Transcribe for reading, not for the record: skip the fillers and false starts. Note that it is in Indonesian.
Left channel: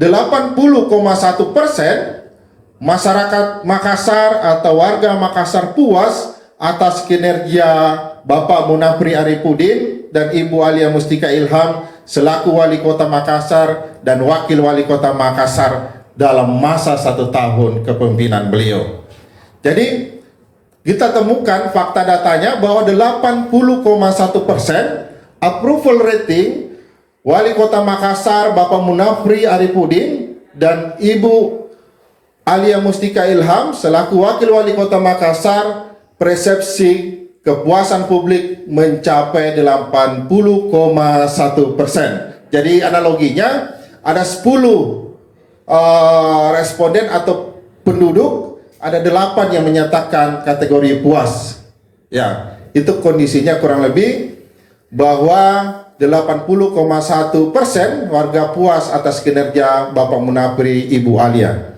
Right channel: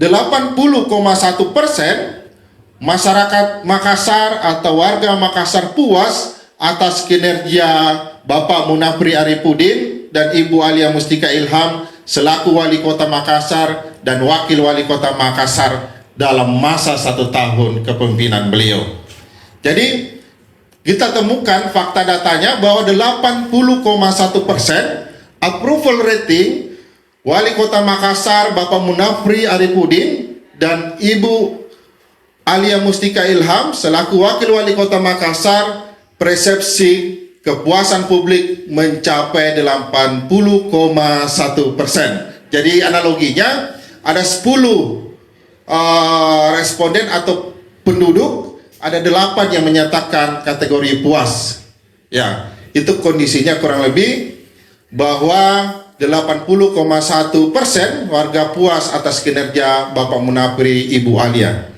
80,1% masyarakat Makassar atau warga Makassar puas atas kinerja Bapak Munafri Arifudin dan Ibu Alia Mustika Ilham selaku Wali Kota Makassar dan Wakil Wali Kota Makassar dalam masa 1 tahun kepemimpinan beliau. Jadi kita temukan fakta datanya bahwa 80,1% approval rating Wali Kota Makassar Bapak Munafri Arifudin dan Ibu Alia Mustika Ilham selaku Wakil Wali Kota Makassar, persepsi kepuasan publik mencapai 80,1%. Jadi analoginya ada 10 responden atau penduduk, ada 8 yang menyatakan kategori puas. Ya, itu kondisinya kurang lebih bahwa 80,1% warga puas atas kinerja Bapak Munafri Ibu Alia.